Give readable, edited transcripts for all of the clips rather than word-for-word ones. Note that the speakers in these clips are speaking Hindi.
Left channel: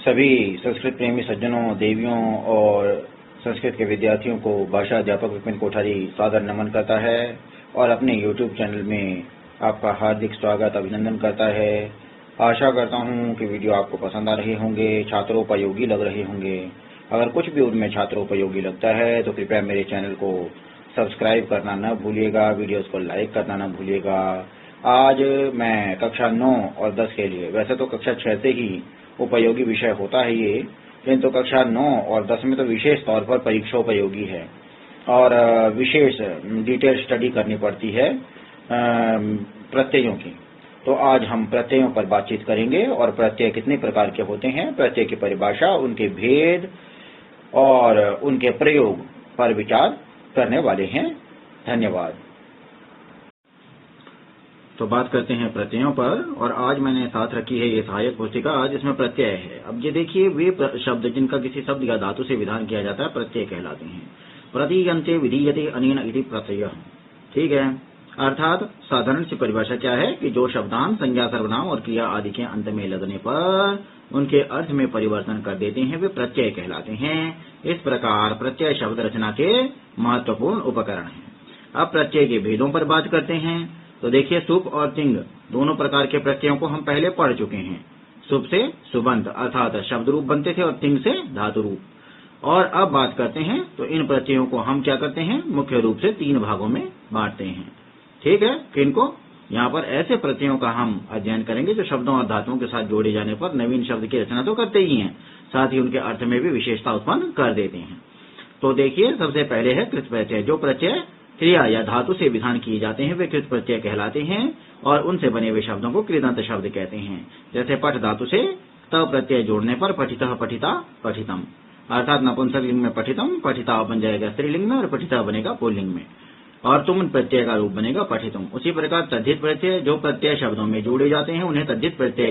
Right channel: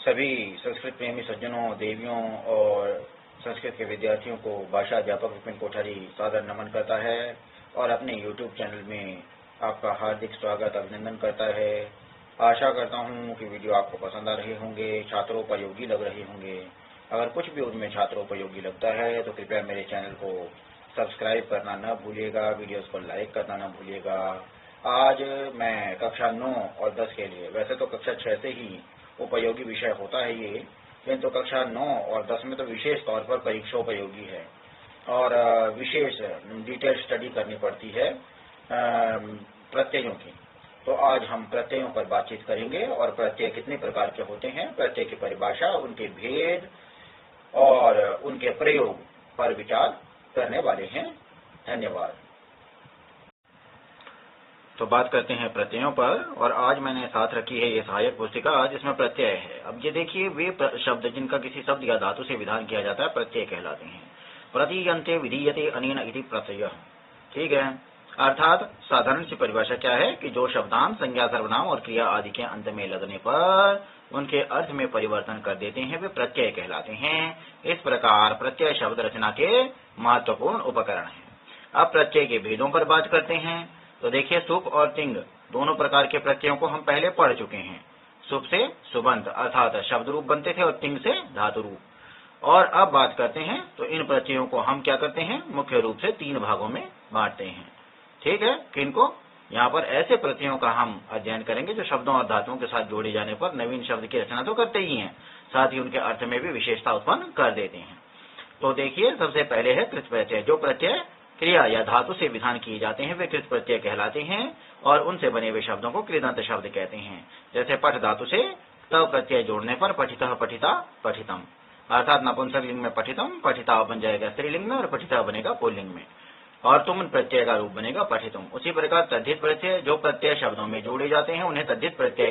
सभी संस्कृत प्रेमी सज्जनों, देवियों और संस्कृत के विद्यार्थियों को भाषा अध्यापक विपिन कोठारी सादर नमन करता है और अपने YouTube चैनल में आपका हार्दिक स्वागत अभिनंदन करता है। आशा करता हूं कि वीडियो आपको पसंद आ रहे होंगे, छात्रोपयोगी लग रहे होंगे। अगर कुछ भी उनमें छात्रोपयोगी लगता है तो कृपया मेरे चैनल को सब्सक्राइब करना न भूलिएगा, वीडियोस को लाइक करना न भूलिएगा। आज मैं कक्षा 9 और 10 के लिए, वैसे तो कक्षा 6 से ही उपयोगी विषय होता है ये, किंतु कक्षा 9 और 10 में तो विशेष तौर पर परीक्षोपयोगी है और विशेष डिटेल स्टडी करनी पड़ती है प्रत्ययों की। तो आज हम प्रत्ययों पर बातचीत करेंगे और प्रत्यय कितने प्रकार के होते हैं, प्रत्यय की परिभाषा, उनके भेद और उनके प्रयोग पर विचार करने वाले हैं। धन्यवाद। तो बात करते हैं प्रत्ययों पर, और आज मैंने साथ रखी है ये सहायक पुस्तिका जिसमें प्रत्यय है। अब ये देखिए, वे शब्द जिनका किसी शब्द या धातु से विधान किया जाता है प्रत्यय कहलाते हैं। प्रतीयन्ते विधीयते अनेन इति प्रत्ययः। ठीक है, अर्थात साधारण सी परिभाषा क्या है कि जो शब्दांत, संज्ञा, सर्वनाम और क्रिया आदि के अंत में लगने पर उनके अर्थ में परिवर्तन कर देते हैं, वे प्रत्यय कहलाते हैं। इस प्रकार प्रत्यय शब्द रचना के महत्वपूर्ण उपकरण हैं। अब प्रत्यय के भेदों पर बात करते हैं। तो देखिए, सुप और तिंग दोनों प्रकार के प्रत्ययों को हम पहले पढ़ चुके हैं। सुप से सुबंत अर्थात शब्द रूप बनते थे और तिंग से धातु रूप। और अब बात करते हैं तो इन प्रत्ययों को हम क्या करते हैं, मुख्य रूप से 3 भागों में बांटते हैं। ठीक है, किनको? यहाँ पर ऐसे प्रत्ययों का हम अध्ययन करेंगे जो शब्दों और धातुओं के साथ जोड़े जाने पर नवीन शब्द की रचना तो करते ही हैं, साथ ही उनके अर्थ में भी विशेषता उत्पन्न कर देते हैं। तो देखिए, सबसे पहले है कृत प्रत्यय। जो प्रत्यय क्रिया या धातु से विधान किए जाते हैं वे कृत प्रत्यय कहलाते हैं और उनसे बने हुए शब्दों को कृदंत शब्द कहते हैं। जैसे पठ धातु से त प्रत्यय जोड़ने पर पठितः, पठिता, पठितम, अर्थात नपुंसक लिंग में पठितम, पठिता बन जाएगा स्त्रीलिंग में और पठिता बनेगा पुल्लिंग में, और तुम प्रत्यय का रूप बनेगा पठितुम। उसी प्रकार तद्धित प्रत्यय, जो प्रत्यय शब्दों में जोड़े जाते हैं उन्हें तद्धित प्रत्यय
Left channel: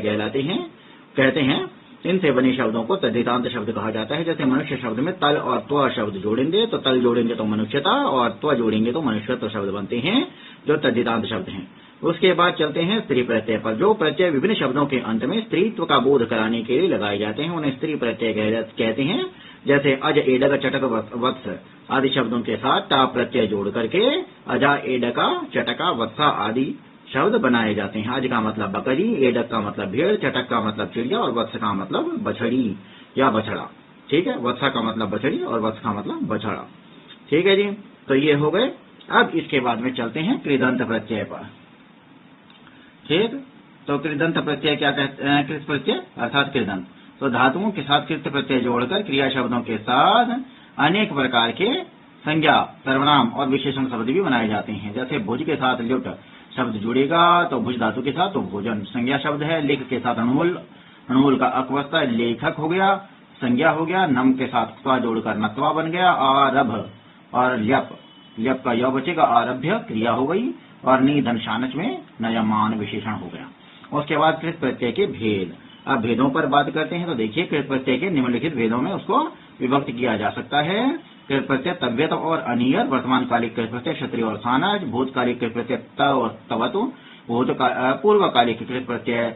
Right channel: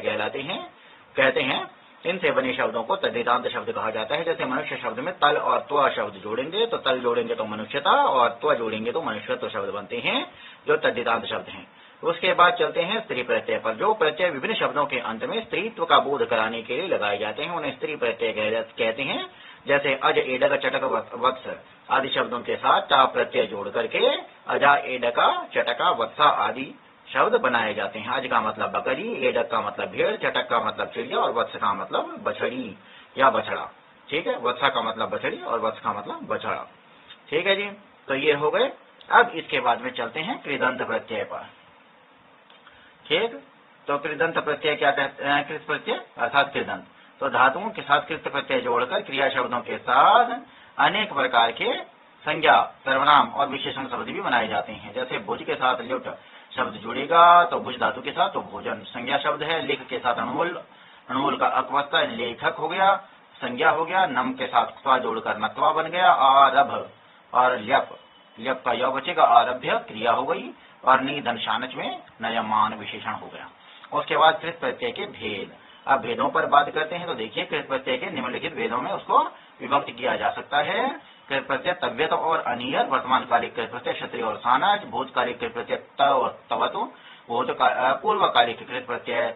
कहते हैं। इनसे बने शब्दों को तद्धितांत शब्द कहा जाता है। जैसे मनुष्य शब्द में तल और त्व शब्द जोड़ेंगे तो तल जोड़ेंगे तो मनुष्यता और त्व जोड़ेंगे तो मनुष्यत्व शब्द बनते हैं, जो तद्धितांत शब्द हैं। उसके बाद चलते हैं स्त्री प्रत्यय पर। जो प्रत्यय विभिन्न शब्दों के अंत में स्त्रीत्व का बोध कराने के लिए लगाए जाते हैं उन्हें स्त्री प्रत्यय कहते हैं। जैसे अज, एडक, चटक, वत्स आदि शब्दों के साथ टा प्रत्यय जोड़ करके अजा, एडका, चटका, वत्सा आदि शब्द बनाए जाते हैं। अज का मतलब बकरी, एडक का मतलब भेड़, चटक का मतलब चिड़िया और वत्स का मतलब बछड़ी या बछड़ा। ठीक है, वत्सा का मतलब बछड़ी और वत्स का मतलब बछड़ा। ठीक है जी, तो ये हो गए। अब इसके बाद में चलते हैं कृदंत प्रत्यय पर। ठीक, तो कृदंत प्रत्यय क्या कहते हैं? कृत प्रत्यय अर्थात कृदंत। तो धातुओं के साथ कृत प्रत्यय जोड़कर क्रिया शब्दों के साथ अनेक प्रकार के संज्ञा, सर्वनाम और विशेषण शब्द भी बनाए जाते हैं। जैसे भुज के साथ लुट शब्द जुड़ेगा तो भुज धातु के साथ तो भोजन संज्ञा शब्द है। लिख के साथ अनमूल, अनमूल का अकवस्ता लेखक हो गया, संज्ञा हो गया। नम के साथ त्वा जोड़कर नत्वा बन गया। आरभ और ल्यप, ल्यप का य बचेगा, आरभ्य क्रिया हो गई। और निधन शानच में नयमान विशेषण हो गया। उसके बाद कृत प्रत्यय के भेद। अब भेदों पर बात करते हैं। तो देखिए, कृत प्रत्यय के निम्नलिखित भेदों में उसको विभक्त किया जा सकता है। कृत प्रत्यय तव्यत और अनियर, वर्तमान कालिक कृत प्रत्यय क्षत्रिय और सानज, भूतकालिक कृत प्रत्यय त और तवतु, पूर्वकालिक कृत प्रत्यय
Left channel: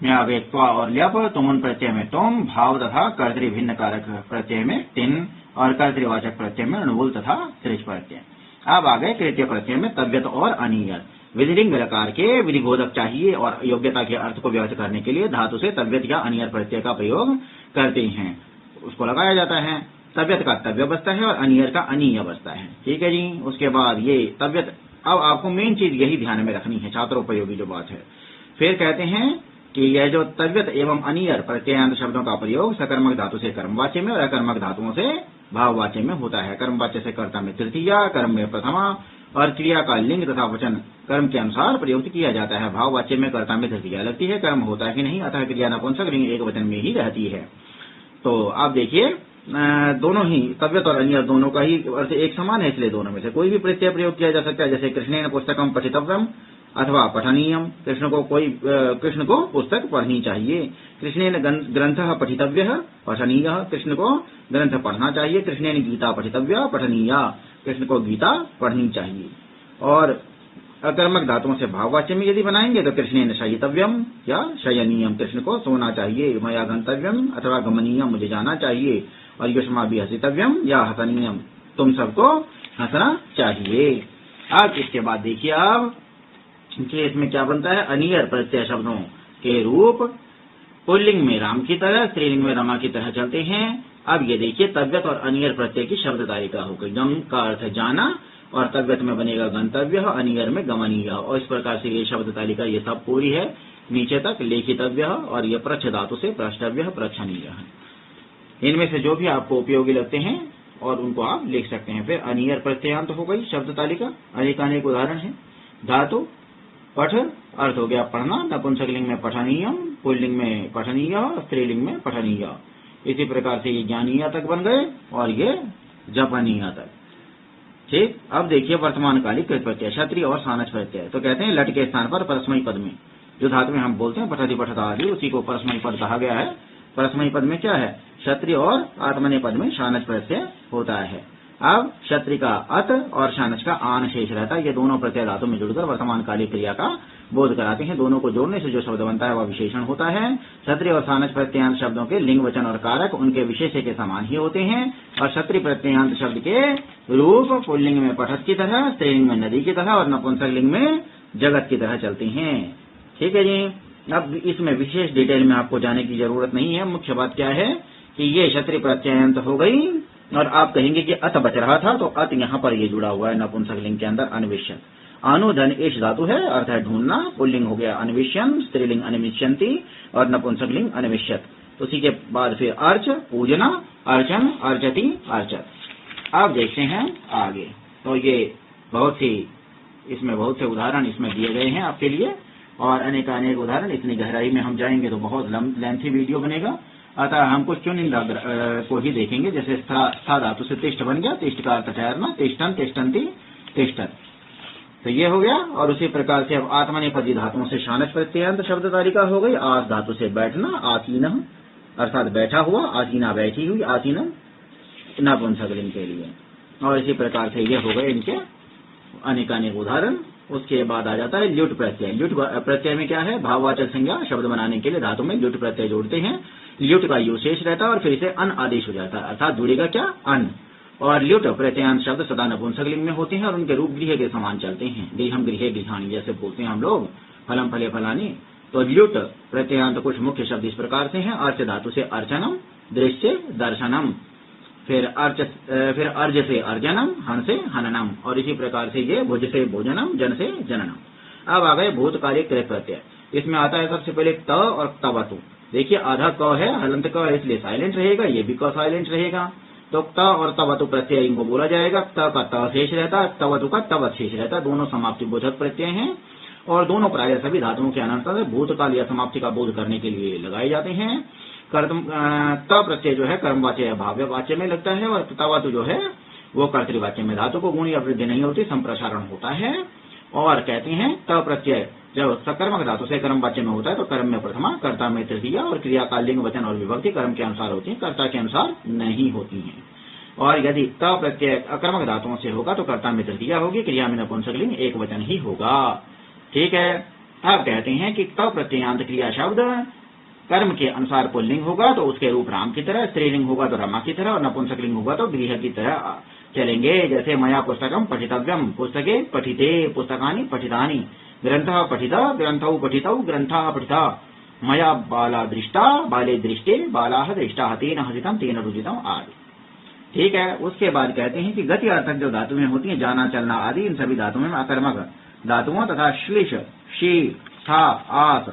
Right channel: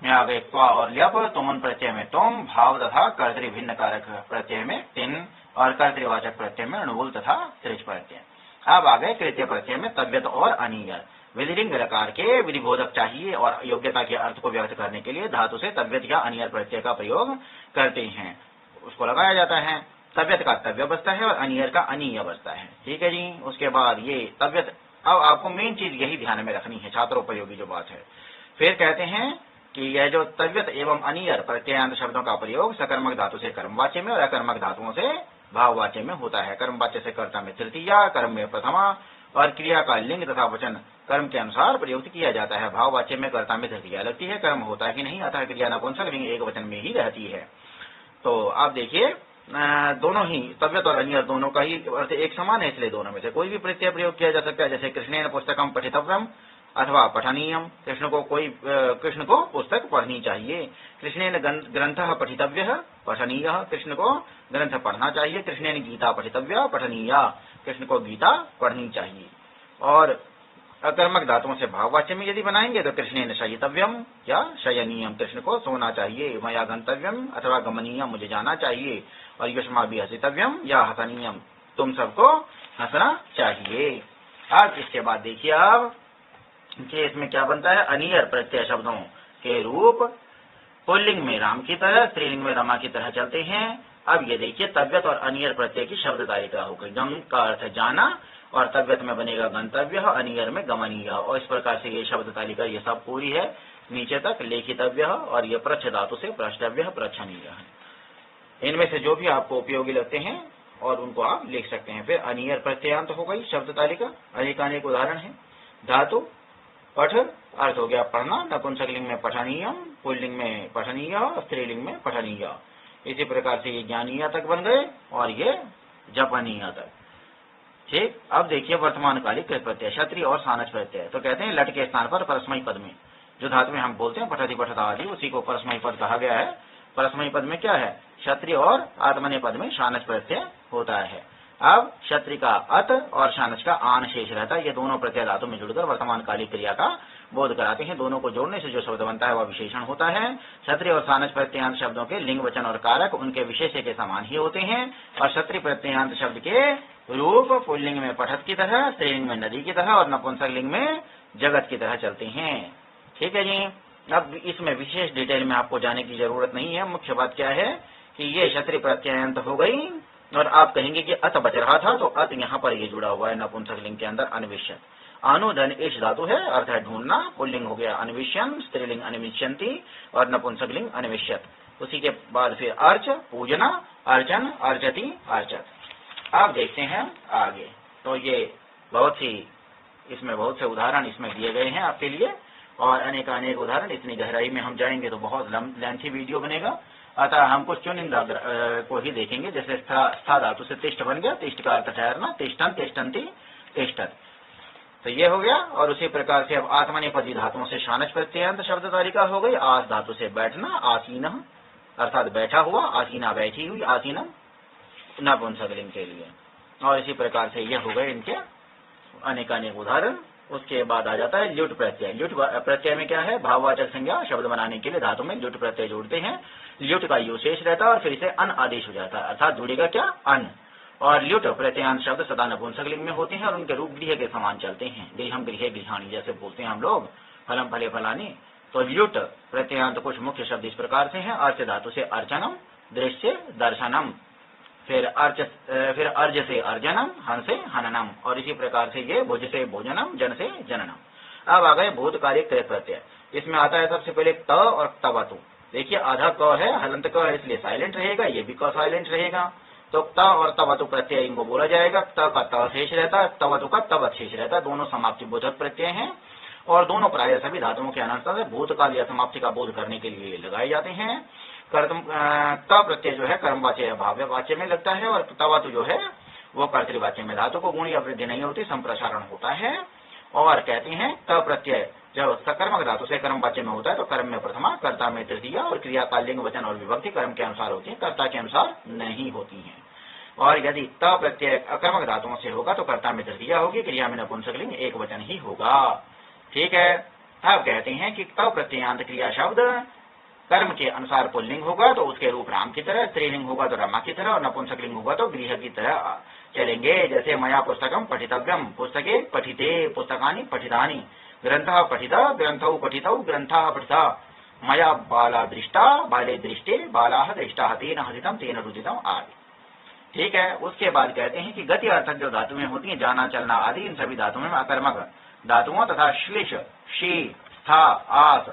त्वा और ल्यप, तुमुन प्रत्यय में तुम, भाव तथा कर्तृ भिन्न कारक प्रत्यय में तिन और कर्तृवाचक प्रत्यय में अणुबोल तथा त्रिज प्रत्यय। अब आ गए कृत्य प्रत्यय में तव्यत और अनियर। विधिलिंग प्रकार के विधिबोधक चाहिए और योग्यता के अर्थ को व्यक्त करने के लिए धातु से तव्यत या अनियर प्रत्यय का प्रयोग करते हैं, उसको लगाया जाता है। तव्यत का तव्य बचता है और अनियर का अनीय बचता है। ठीक है जी। उसके बाद ये तव्यत, अब आपको मेन चीज यही ध्यान में रखनी है, छात्रोपयोगी जो बात है। फिर कहते हैं कि यह जो तव्यत एवं अनियर प्रत्ययांत शब्दों का प्रयोग सकर्मक धातु से कर्मवाच्य में और अकर्मक धातुओं से भाववाच्य में होता है। कर्मवाच्य से कर्ता में तृतीया, कर्म में प्रथमा और क्रिया का लिंग तथा वचन कर्म के अनुसार प्रयुक्त किया जाता है। भाववाच्य में कर्ता में तृतीया लगती है, कर्म होता है कि नहीं, अतः क्रिया नपुंसक लिंग एक वचन में ही रहती है। तो आप देखिए, दोनों ही तव्यत और अनियर दोनों का ही अर्थ एक समान है, इसलिए दोनों में से कोई भी प्रत्यय प्रयोग किया जा सकता है। जैसे कृष्णेन पुस्तकम पठितव्यम अथवा पठनीयम, कृष्ण को पुस्तक पढ़नी चाहिए। कृष्णेन ग्रंथः पठितव्यः पठनीयः, कृष्ण को ग्रंथ पढ़ना चाहिए। कृष्णेन गीता पठितव्या पठनीया, कृष्ण को गीता पढ़नी चाहिए। और अकर्मक धातुओं से भाववाच्य में यदि बनाएंगे तो कृष्णेन शयितव्यम या शयनीयम, कृष्ण को सोना चाहिए, मया गंतव्यम अथवा गमनीयम, मुझे जाना चाहिए, और युष्माभि हसितव्यम या हसनीयम, तुम सबको हंसना चाहिए। अब इसके बाद देखिए आप कि इसमें क्या बनता है, अनियर प्रत्यय शब्दों के रूप पुल्लिंग में राम की तरह, स्त्रीलिंग में रमा की तरह चलते हैं। अब ये देखिए तव्यत और अनियर प्रत्यय की शब्द तालिका हो गई। गम का अर्थ है जाना, और तव्यत में बनेगा गंतव्य, अनियर में गमनीय, और इस प्रकार से ये शब्द तालिका ये सब पूरी है नीचे तक, लेखितव्य, और ये प्रच्छ धातु से प्रष्टव्य, प्रच्छनीय है। इनमें से जो भी आपको उपयोगी लगते हैं और उनको आप लिख सकते हैं। फिर अनियर प्रत्ययांत हो गई शब्द तालिका, अनेकानेक उदाहरण है। धातु पठ, अर्थ हो गया पढ़ना, नपुंसकलिंग में पठनीय, पुल्लिंग में पठनीय, स्त्रीलिंग में पठनीय। इसी प्रकार से ये ज्ञानीय तक बन गए और ये जपनीय तक। ठीक, अब देखिए वर्तमान कालिक कृत प्रत्यय, क्षत्रिय और सानस प्रत्यय। तो कहते हैं लट के स्थान पर परस्मयी पद में जो धातु में हम बोलते हैं पठति पठता आदि, उसी को परस्मयी पद कहा गया है। परस्मयी पद में क्या है, क्षत्रिय और आत्मनेय पद में शानच प्रत्यय होता है। अब क्षत्रिय का अत और शानच का आन शेष रहता है। ये दोनों प्रत्यय धातु में जुड़कर वर्तमान कालिक क्रिया का बोध कराते हैं। दोनों को जोड़ने से जो शब्द बनता है वह विशेषण होता है। क्षत्रिय और सानच प्रत्ययांत शब्दों के लिंग, वचन और कारक उनके विशेष्य के समान ही होते हैं, और क्षत्रिय प्रत्ययांत शब्द के रूप पुल्लिंग में पठत की तरह, स्त्रीलिंग में नदी की तरह, और नपुंसक लिंग में जगत की तरह चलते हैं। ठीक है जी। अब इसमें विशेष डिटेल में आपको जाने की जरूरत नहीं है। मुख्य बात क्या है कि ये क्षत्रिय प्रत्ययांत हो गई, और आप कहेंगे कि अत बच रहा था, तो अत यहाँ पर ये जुड़ा हुआ है नपुंसक लिंग के अंदर। अन्वेषण अनुधन इस धातु है, अर्थ है ढूंढना। पुल्लिंग हो गया अन्वेषण, स्त्रीलिंग अन्विष्यन्ति, और नपुंसक लिंग अन्विष्यत। उसी के बाद फिर अर्च, पूजना, अर्चन, अर्चति, अर्चत। अब देखते हैं आगे। तो ये इसमें बहुत से उदाहरण इसमें दिए गए हैं आपके लिए, और अनेकानेक उदाहरण। इतनी गहराई में हम जाएंगे तो बहुत लेंथी वीडियो बनेगा, अतः हम कुछ चुनिंदा को ही देखेंगे। जैसे स्था धातु से तिष्ठ बन गया, तिष्ठ का अर्थ ठहरना, तिष्ठन, तिष्ठन्ति, तिष्ठत, तो ये हो गया। और उसी प्रकार से अब आत्मनेपदी धातुओं से शानच प्रत्ययांत शब्द तालिका हो गई। आस धातु से बैठना, आसीन अर्थात बैठा हुआ, आसीना बैठी हुई, आसीना नपुंसकलिंग के लिए। और इसी प्रकार से ये हो गए इनके अनेकानेक उदाहरण। उसके बाद आ जाता है ल्युट प्रत्यय। ल्युट प्रत्यय में क्या है, भाववाचक संज्ञा शब्द बनाने के लिए धातु में ल्युट प्रत्यय जोड़ते हैं। ल्युट का यू शेष रहता है और फिर इसे अन आदेश हो जाता है, अर्थात जुड़ेगा क्या, अन। और ल्युट प्रत्ययांत शब्द सदा नपुंसकलिंग में होते हैं और उनके रूप गृह के समान चलते हैं। गृहम, गृहे, गृहाणी जैसे बोलते हैं हम लोग, फलम, फले, फलानी। तो ल्युट प्रत्ययांत कुछ मुख्य शब्द इस प्रकार से हैं। अर्च धातु से अर्चनम, दृश्य, दर्शनम, फिर अर्ज से अर्जनम, हन से हननम, और इसी प्रकार से ये भुज से भोजनम, जन से जननम। अब आ गए भूतकालिक कृत प्रत्यय। इसमें आता है सबसे पहले त और तवतु। देखिए आधा क है, हलंत क है, इसलिए साइलेंट रहेगा, ये भी क साइलेंट रहेगा। तो त और तवतु प्रत्यय इनको बोला जाएगा। त का त शेष रहता है, तवतु का तवत शेष रहता है। दोनों समाप्ति बोधक प्रत्यय हैं और दोनों प्राय सभी धातुओं के अनंतर भूतकाल या समाप्ति का बोध करने के लिए लगाए जाते हैं। त प्रत्यय जो है कर्मवाच्य या भाव्यवाच्य में लगता है, और तवतु जो है वो कर्तृवाच्य में। धातु को गुण या वृद्धि नहीं होती, संप्रसारण होता है। और कहते हैं त प्रत्यय जब सकर्मक धातु से कर्मवाच्य में होता है तो कर्म में प्रथमा, कर्ता में तृतीया, और क्रिया का लिंग, वचन और विभक्ति कर्म के अनुसार होती है, कर्ता के अनुसार नहीं होती है। और यदि त प्रत्यय अकर्मक धातुओं से होगा तो कर्ता में तृतीया होगी, क्रिया में नपुंसकलिंग एक वचन ही होगा। ठीक है। अब कहते हैं कि त प्रत्ययांत क्रिया शब्द कर्म के अनुसार पुल्लिंग होगा तो उसके रूप राम की तरह, स्त्रीलिंग होगा तो रमा की तरह, और नपुंसकलिंग होगा तो गृह की तरह चलेंगे। जैसे मया पुस्तकम पठितव्यम, पुस्तके पठिते, पुस्तकानि पठितानि, ग्रंथः पठितः, ग्रंथौ पठितौ, ग्रंथः पठितः, मया बाला दृष्टा, बाले दृष्टे, बालाः दृष्टाः, तेन हसितम, तेन भुजितम आदि। ठीक है। उसके बाद कहते हैं कि गति अर्थक जो धातुएं होती हैं, जाना, चलना आदि, इन सभी धातुओं में अकर्मक धातुओं तथा श्लिष, शी, था, आस,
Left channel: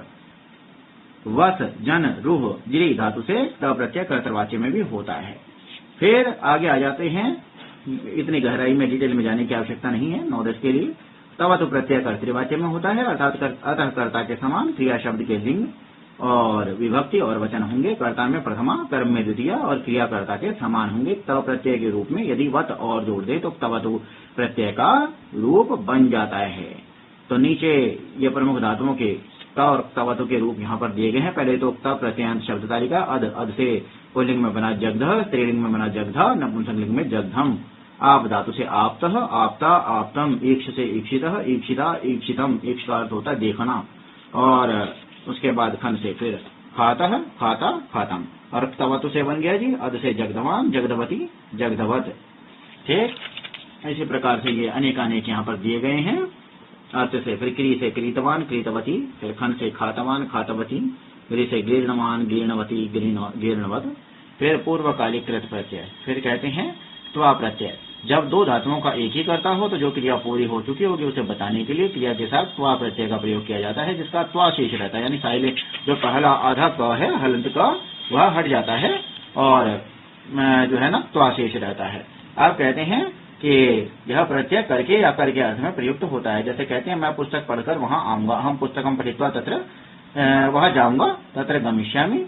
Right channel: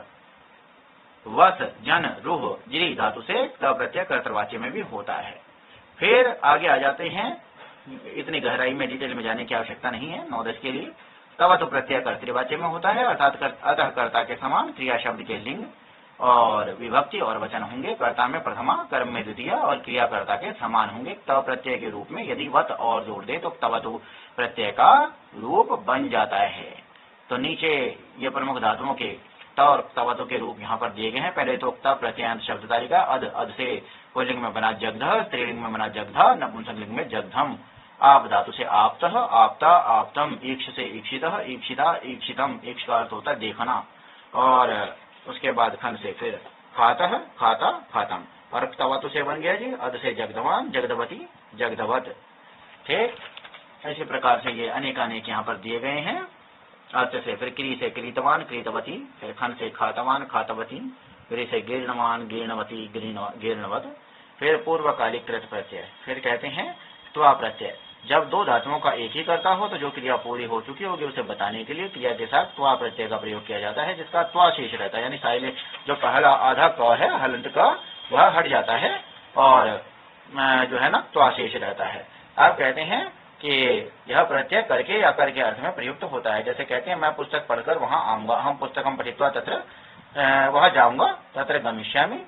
वस, जन, रूह, जिरी धातु से प्रत्यय कर्तृवाच्य में भी होता है। फिर आगे आ जाते हैं, इतनी गहराई में डिटेल में जाने की आवश्यकता नहीं है, नॉलेज के लिए। तवतु प्रत्यय कर्तृवाच्य में होता है, अर्थात अतः कर्ता के समान क्रिया शब्द के लिंग और विभक्ति और वचन होंगे। कर्ता में प्रथमा, कर्म में द्वितीय, और क्रियाकर्ता के समान होंगे। तव प्रत्यय के रूप में यदि वत और जोड़ दे तो तवतु प्रत्यय का रूप बन जाता है। तो नीचे ये प्रमुख धातुओं के त और तवतु के रूप यहाँ पर दिए गए हैं। पहले तो त प्रत्ययांत शब्द तालिका, अध, अध से पुल्लिंग में बना जगध, स्त्रीलिंग में बना जगधा, नपुंसकलिंग में जगधम। आप धातु से आप्तः, आपता, आप्तम, ईक्ष से ईप्सितः, ईप्सिता, ईप्सितम, ईक्ष का अर्थ होता है देखना, और उसके बाद खन से फिर खातः, खाता, खातम, और तवतु से बन गया जी अद से जगदवान, जगदवती, जगदवत। ठीक, इसी प्रकार से ये अनेक अनेक यहाँ पर दिए गए हैं। अर्थ से फिर क्री से क्रीतवान, क्रीतवती, फिर खन से खातवान, खातवती, गृह से गीर्णवान, गीर्णवती, गीर्णवत, फिर पूर्वकालिक कृत प्रत्यय। फिर कहते हैं त्वा प्रत्यय। जब दो धातुओं का एक ही करता हो तो जो क्रिया पूरी हो चुकी होगी उसे बताने के लिए क्रिया के साथ त्वा प्रत्यय का प्रयोग किया जाता है, जिसका त्वा शेष रहता है, यानी साइलेंट जो पहला आधा क है हलंत का वह हट जाता है और जो है ना त्वा शेष रहता है। अब कहते हैं कि यह प्रत्यय करके या करके अर्थ में प्रयुक्त होता है। जैसे कहते हैं मैं पुस्तक पढ़कर वहां आऊंगा, हम पुस्तकम पठित्वा तत्र, वहां जाऊंगा, तत्र गमिष्यामि,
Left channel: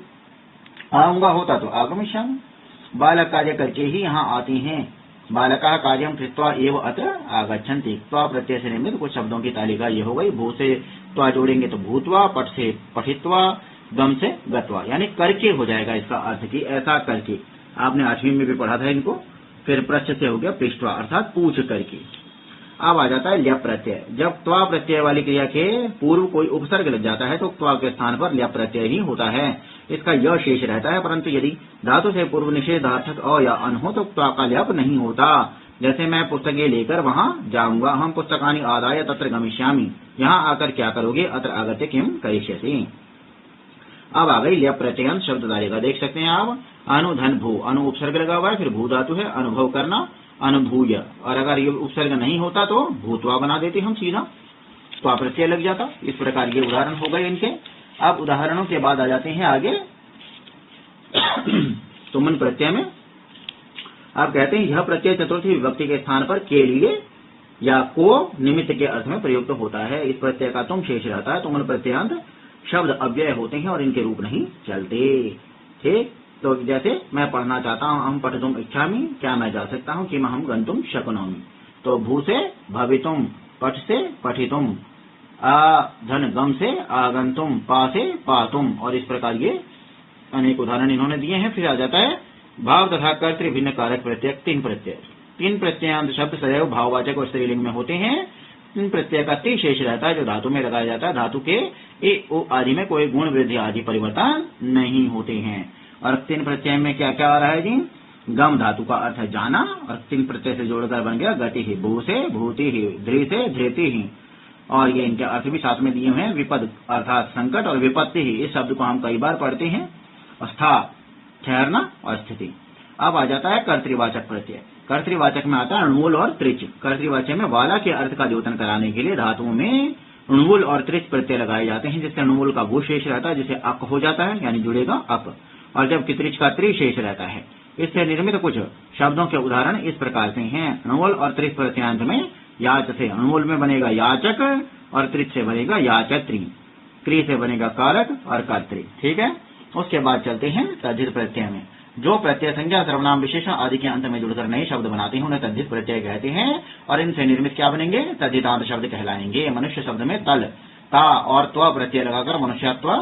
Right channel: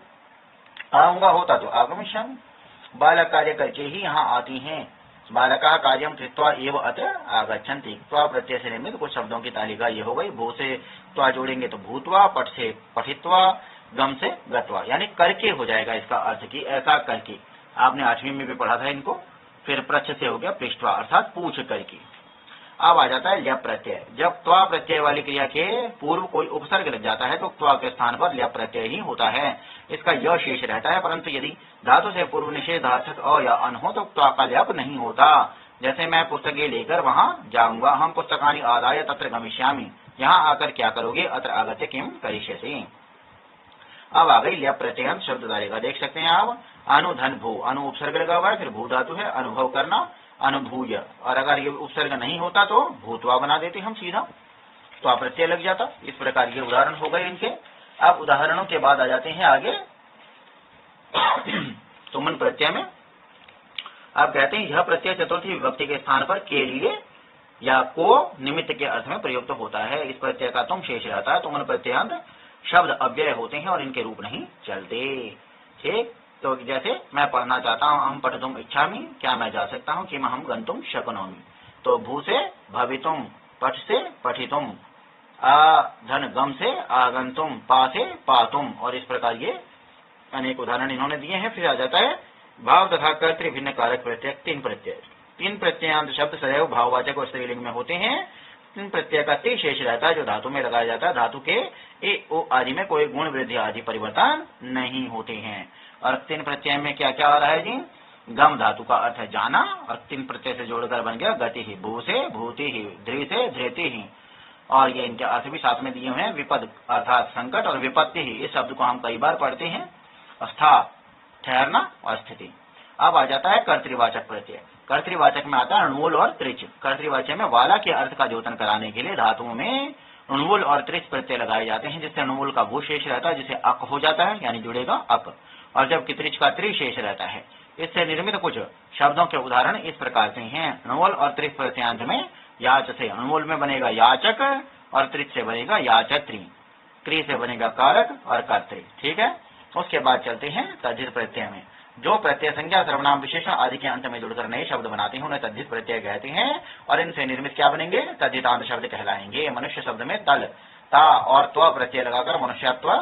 आऊंगा होता तो आगमिष्यामि। बालक कार्य करके ही यहाँ आती हैं। बालका कार्यम कृत्वा एव अत्र आगच्छन्ति। त्वा प्रत्यय से निर्मित कुछ शब्दों की तालिका ये हो गई। भू से त्वा जोड़ेंगे तो भूतवा, पट से पठित्वा, गम से गत्वा, यानी करके हो जाएगा इसका अर्थ की ऐसा करके। आपने 8वीं में भी पढ़ा था इनको। फिर पृष्ठ से हो गया पृष्ठवा, अर्थात पूछ करके। अब आ जाता है ल्यप प्रत्यय। जब त्वा प्रत्यय वाली क्रिया के पूर्व कोई उपसर्ग लग जाता है तो त्वा के स्थान पर ल्यप प्रत्यय ही होता है, इसका य शेष रहता है। परंतु यदि धातु से पूर्व निषेधार्थक अ या अन हो तो त्वा का ल्यप नहीं होता। जैसे मैं पुस्तकें लेकर वहां जाऊंगा, हम पुस्तकानि आदाय तत्र गमिष्यामि, यहाँ आकर क्या करोगे, अत्र आगत्य किम करिष्यति। अब आ गई ल्यप प्रत्यय शब्द डालेगा, देख सकते हैं आप। अनु धन भू, अनु उपसर्ग लगा हुआ है, फिर भू धातु है, अनुभव करना, अनुभूय, और अगर ये उपसर्ग नहीं होता तो भूतवा बना देते हम सीधा, तो प्रत्यय लग जाता। इस प्रकार ये उदाहरण हो गए इनके। अब उदाहरणों के बाद आ जाते हैं आगे सुमन प्रत्यय में। आप कहते हैं यह प्रत्यय चतुर्थी विभक्ति के स्थान पर के लिए या को निमित्त के अर्थ में प्रयुक्त होता है। इस प्रत्यय का तुम शेष रहता है। तुमन प्रत्ययांत शब्द अव्यय होते हैं और इनके रूप नहीं चलते। ठीक, तो जैसे मैं पढ़ना चाहता हूँ, हम पठितुम इच्छामि, क्या मैं जा सकता हूँ, कि हम गंतुम शक्नोमि। तो भू से भवितुम, पठ से पठितुम, आ धन गम से आगंतुम, पा से पातुम, और इस प्रकार ये अनेक उदाहरण इन्होंने दिए हैं। फिर आ जाता है भाव तथा कर्तृ भिन्न कारक प्रत्यय। तीन प्रत्यय, तीन प्रत्ययांत शब्द सदैव भाववाचक और स्त्रीलिंग में होते हैं। तीन प्रत्यय का ती शेष रहता है जो धातु में लगाया जाता है। धातु के ए ओ आदि में कोई गुण वृद्धि आदि परिवर्तन नहीं होते हैं। और तीन प्रत्यय में क्या क्या आ रहा है जी, गम धातु का अर्थ है जाना, और तीन प्रत्यय से जोड़कर बन गया गति ही, भू से भूति ही, ध्री से धृति ही, और ये इनके अर्थ भी साथ में दिए हुए हैं। विपद अर्थात संकट, और विपत्ति ही, इस शब्द को हम कई बार पढ़ते हैं। स्था ठहरना और स्थिति। अब आ जाता है कर्तृवाचक प्रत्यय। कर्तृवाचक में आता है अणुमूल और त्रिच। कर्तृवाचक में वाला के अर्थ का द्योतन कराने के लिए धातुओं में अणुमूल और त्रिच प्रत्यय लगाए जाते हैं, जिससे अणुमूल का भू शेष रहता है, जिसे अक हो जाता है, यानी जुड़ेगा अक, और जबकि त्रिच का त्रि शेष रहता है। इससे निर्मित कुछ शब्दों के उदाहरण इस प्रकार से हैं। अणुमूल और त्रिच प्रत्यांत में याच से अणुमूल में बनेगा याचक, और त्रिच से बनेगा याचत्री, क्री से बनेगा कारक और कर्तृ। ठीक है, उसके बाद चलते हैं तद्धित प्रत्यय में। जो प्रत्यय संज्ञा, सर्वनाम, विशेषण आदि के अंत में जुड़कर नए शब्द बनाते हैं उन्हें तद्धित प्रत्यय कहते हैं, और इनसे निर्मित क्या बनेंगे, तद्धितांत शब्द कहलाएंगे। मनुष्य शब्द में तल, ता और त्व प्रत्यय लगाकर मनुष्यत्व,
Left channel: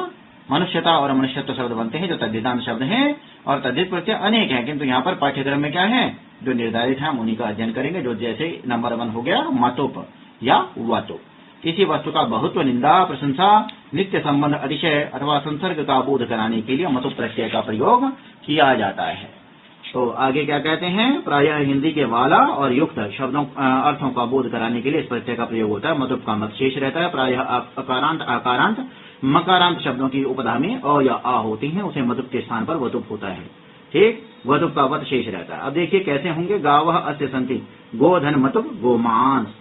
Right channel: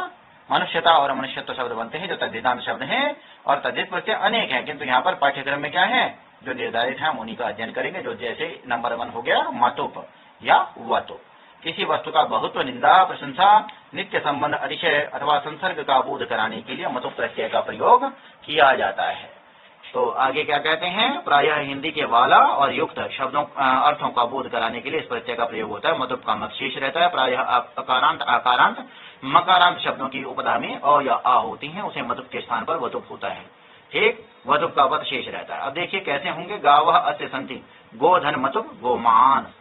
मनुष्यता और मनुष्यत्व शब्द बनते हैं जो तद्धितांत शब्द हैं। और तद्धित प्रत्यय अनेक हैं, किंतु यहाँ पर पाठ्यक्रम में क्या है जो निर्धारित है उन्हीं का अध्ययन करेंगे। जो जैसे नंबर 1 हो गया मतुप या वतु, किसी वस्तु का बहुत्व, निंदा, प्रशंसा, नित्य संबंध, अतिशय अथवा संसर्ग का बोध कराने के लिए मतुप प्रत्यय का प्रयोग किया जाता है। तो आगे क्या कहते हैं, प्रायः हिंदी के वाला और युक्त शब्दों अर्थों का बोध कराने के लिए इस प्रत्यय का प्रयोग होता है। मतुप का मत शेष रहता है। प्रायः अकारांत, आकारांत, मकारांत शब्दों की उपधा में अ या आ होती हैं, उसे मतुप के स्थान पर वतुप होता है। ठीक, वतुप का वत शेष रहता है। अब देखिए कैसे होंगे, गावः अस्य सन्ति, गोधन मतुप गोमांस,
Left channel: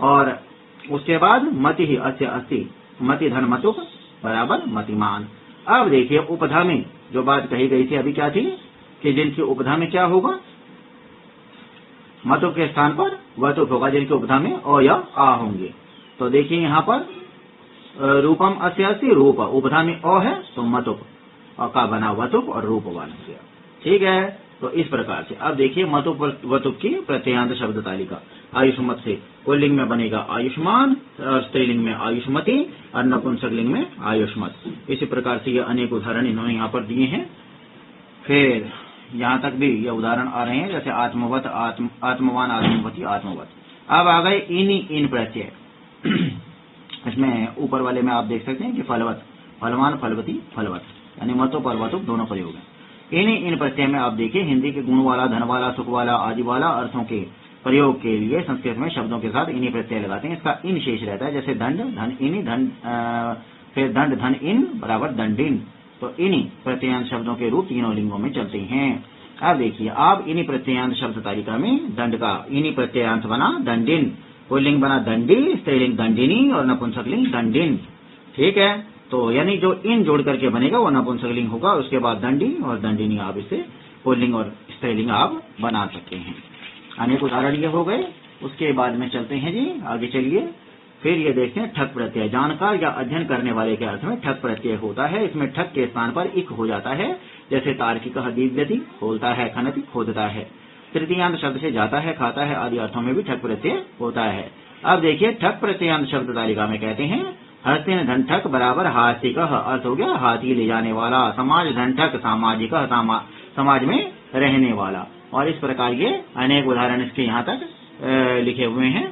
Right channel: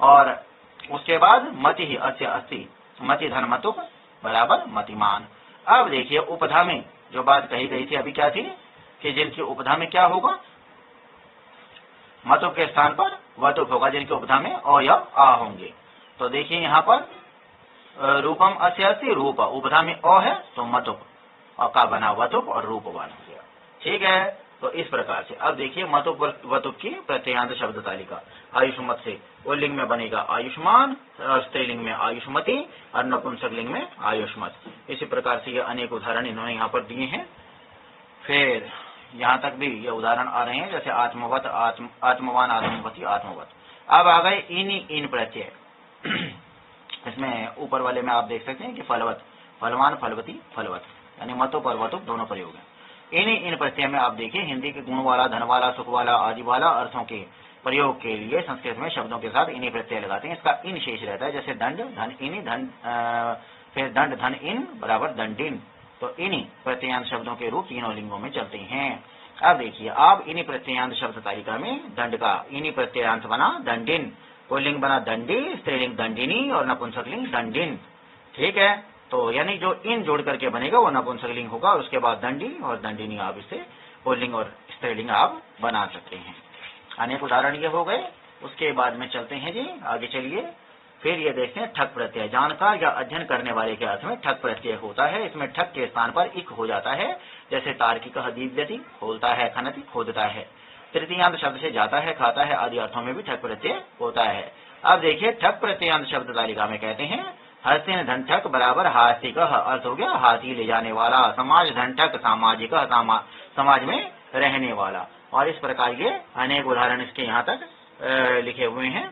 और उसके बाद मति ही अस्य अस्ति, मति धन मतुप बराबर मतिमान। अब देखिए उपधा में जो बात कही गई थी अभी क्या थी, कि जिनकी उपधा में क्या होगा, मतुप के स्थान पर वतुप होगा, जिनकी उपधा में अ या आ होंगे। तो देखिए यहाँ पर रूपम अस्य अस्ति, रूप उपधा में अ है तो मतुप, और का बना वतुप और रूप बना गया। ठीक है, तो इस प्रकार से अब देखिए मतुप वतुप की प्रत्ययांत शब्द तालिका। आयुष्मत से पुल्लिंग में बनेगा आयुष्मान, और स्त्रीलिंग में आयुष्मती, और नपुंसकलिंग में आयुष्मत। इसी प्रकार से ये अनेक उदाहरण इन्होंने यहाँ पर दिए हैं। फिर यहाँ तक भी ये उदाहरण आ रहे हैं, जैसे आत्मवत, आत्मवान, आत्मवती, आत्मवत। अब आ गए इन प्रत्यय। इसमें ऊपर वाले में आप देख सकते हैं कि फलवत, फलवान, फलवती, फलवत, यानी मतों परवतुक दोनों प्रयोग हैं। इन प्रत्यय में आप देखिए हिंदी के गुण वाला, धन वाला, सुख वाला, आदि वाला अर्थों के प्रयोग के लिए संस्कृत में शब्दों के साथ इन्हीं प्रत्यय लगाते हैं। इसका इन शेष रहता है, जैसे दंड, धन इन, फिर दंड, धन इन बराबर दंडिन। तो इन्हीं प्रत्ययांत शब्दों के रूप तीनों लिंगों में चलते हैं। अब देखिए, आप इन्हीं प्रत्ययांत शब्द तालिका में दंड का इन्हीं प्रत्ययांत बना दंडिन, पुल्लिंग बना दंडी, स्त्रीलिंग दंडिनी और नपुंसकलिंग दंडिन। ठीक है, तो यानी जो इन जोड़ करके बनेगा वो नपुंसकलिंग होगा, और उसके बाद दंडी और दंडिनी आप इससे पुल्लिंग और स्त्रीलिंग आप बना सकते हैं। अनेक उदाहरण ये हो गए। उसके बाद में चलते हैं जी, आगे चलिए। फिर ये देखते हैं ठक प्रत्यय। जानकार या अध्ययन करने वाले के अर्थ में ठक प्रत्यय होता है। इसमें ठक के स्थान पर इक हो जाता है, जैसे तार्किक दीव्यति, खोलता है, खनति, खोदता है। तृतीयांत शब्द से जाता है, खाता है आदि अर्थों में भी ठक प्रत्यय होता है। अब देखिए, ठक प्रत्ययांत शब्द तालिका में कहते हैं हस्तिन धन ठक बराबर हास्तिक, अर्थ हो गया हाथी ले जाने वाला। समाज धन ठक, सामाजिक, समाज में रहने वाला। और इस प्रकार ये अनेक उदाहरण इसके यहाँ तक लिखे हुए हैं,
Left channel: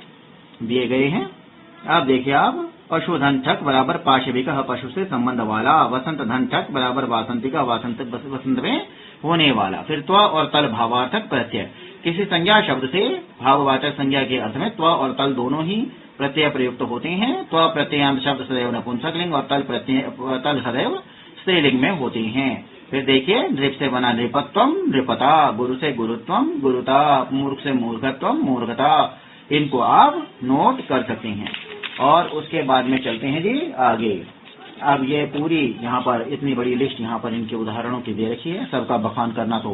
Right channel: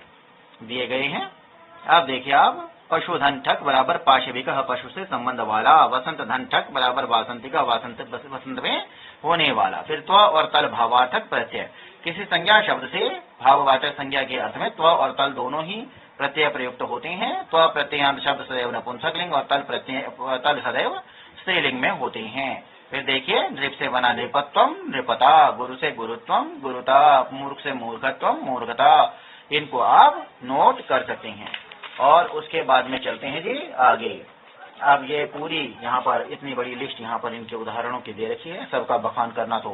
दिए गए हैं। अब देखिए आप, पशुधन ठक बराबर पाशविक, पशु से संबंध वाला। वसंत धन ठक बराबर वासंतिक, वसंत में होने वाला। फिर त्व और तल भावार्थक प्रत्यय। किसी संज्ञा शब्द से भाववाचक संज्ञा के अर्थ में त्व और तल दोनों ही प्रत्यय प्रयुक्त होते हैं। त्व प्रत्ययांत शब्द सदैव नपुंसकलिंग और तल सदैव स्त्रीलिंग में होते हैं। फिर देखिए, नृप से बना नृपत्वम, नृपता, गुरु से गुरुत्वम, गुरुता, मूर्ख से मूर्खत्वम, मूर्खता। इनको आप नोट कर सकते हैं। और उसके बाद में चलते हैं जी आगे। अब ये पूरी यहाँ पर इतनी बड़ी लिस्ट यहाँ पर इनके उदाहरणों की दे रखी है। सबका बखान करना तो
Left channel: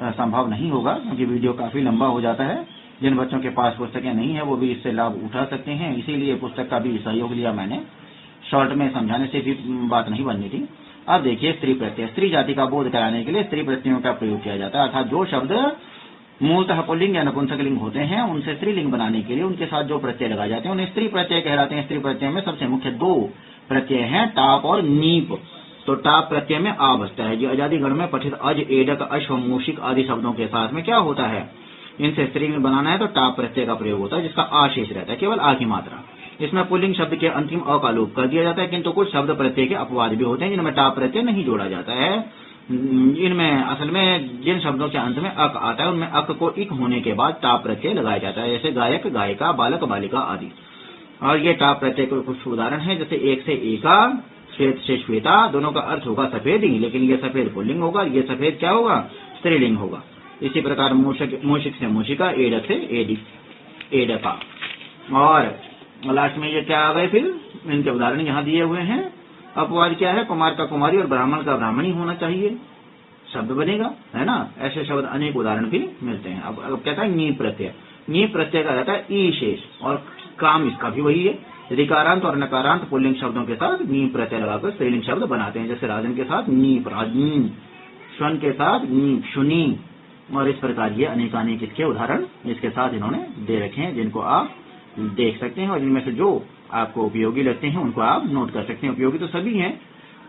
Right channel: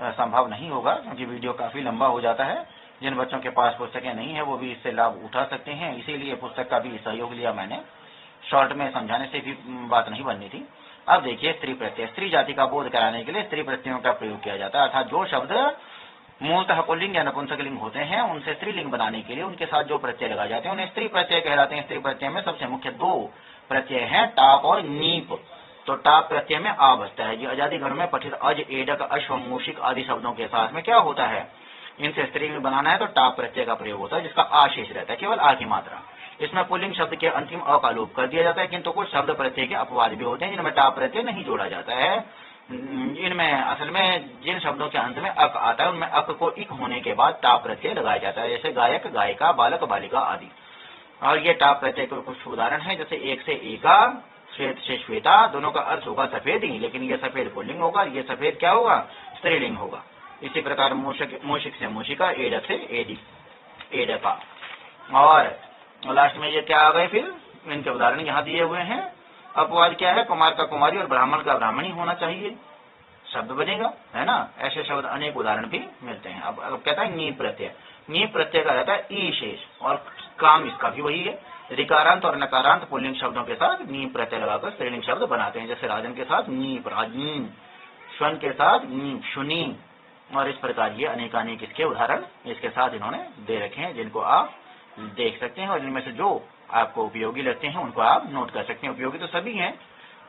संभव नहीं होगा, क्योंकि वीडियो काफी लंबा हो जाता है। जिन बच्चों के पास पुस्तकें नहीं है वो भी इससे लाभ उठा सकते हैं, इसीलिए पुस्तक का भी सहयोग लिया मैंने। शॉर्ट में समझाने से भी बात नहीं बननी थी। अब देखिए, स्त्री प्रत्यय। स्त्री जाति का बोध कराने के लिए स्त्री प्रत्ययों का प्रयोग किया जाता है, अर्थात जो शब्द मूलतः पुल्लिंग या नपुंसकलिंग होते हैं उनसे स्त्रीलिंग बनाने के लिए उनके साथ जो प्रत्यय लगाए जाते हैं उन्हें स्त्री प्रत्यय कहलाते हैं। स्त्री प्रत्यय में सबसे मुख्य दो प्रत्यय हैं, टाप और नीप। तो टाप प्रत्यय में आ बसता है। जो आजादीगढ़ में पठित अज, एडक, अश्व, मूषिक आदि शब्दों के साथ में क्या होता है, इनसे स्त्रीलिंग बनाना है तो टाप प्रत्यय का प्रयोग होता है, जिसका आशेष रहता है, केवल आ की मात्रा। इसमें पुल्लिंग शब्द के अंतिम अ का लोप कर दिया जाता है, किंतु कुछ शब्द प्रत्यय के अपवाद भी होते हैं जिनमें टाप प्रत्यय नहीं जोड़ा जाता है। इनमें असल में जिन शब्दों के अंत में अक आता है उनमें अक को इक होने के बाद टाप प्रत्यय लगाया जाता है, जैसे गायक, गायिका, बालक, बालिका आदि। और ये टाप प्रत्यय के कुछ उदाहरण हैं, जैसे एक से एका, श्वेत से श्वेता। दोनों का अर्थ होगा सफेद ही, लेकिन ये सफेद पुल्लिंग होगा, ये सफेद क्या होगा, स्त्रीलिंग होगा। इसी प्रकार मूषिक से मूषिका, एडक से एडका। और लास्ट में ये क्या आ गए, फिर इनके उदाहरण यहाँ दिए हुए हैं। अपवाद क्या है, कुमार का कुमारी और ब्राह्मण का ब्राह्मणी होना चाहिए, शब्द बनेगा, है ना। ऐसे शब्द अनेक उदाहरण भी मिलते हैं। अब कहता है नीप प्रत्यय। नीप प्रत्यय का रहता है ई शेष, और काम इसका भी वही है। ऋकारांत और नकारांत पुल्लिंग शब्दों के साथ नीप प्रत्यय लगाकर स्त्रीलिंग शब्द बनाते हैं, जैसे राजन के साथ नीप, राजनी, श्वन के साथ नीप, शुनी। और इस प्रकार ये अनेकानेक इसके उदाहरण इसके साथ इन्होंने दे रखे हैं, जिनको आप देख सकते हैं। और इनमें से जो आपको उपयोगी लगते हैं उनको आप नोट कर सकते हैं। उपयोगी तो सभी हैं,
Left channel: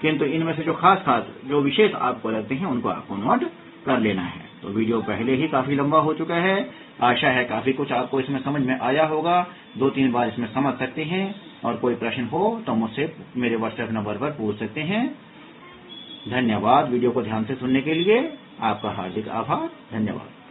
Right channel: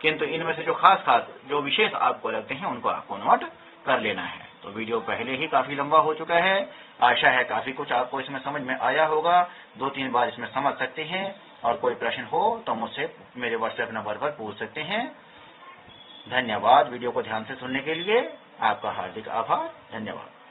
किंतु इनमें से जो खास जो विशेष आपको लगते हैं उनको आपको नोट कर लेना है। तो वीडियो पहले ही काफी लंबा हो चुका है, आशा है काफी कुछ आपको इसमें समझ में आया होगा। 2-3 बार इसमें समझ सकते हैं, और कोई प्रश्न हो तो मुझसे मेरे व्हाट्सएप नंबर पर पूछ सकते हैं। धन्यवाद। वीडियो को ध्यान से सुनने के लिए आपका हार्दिक आभार। धन्यवाद।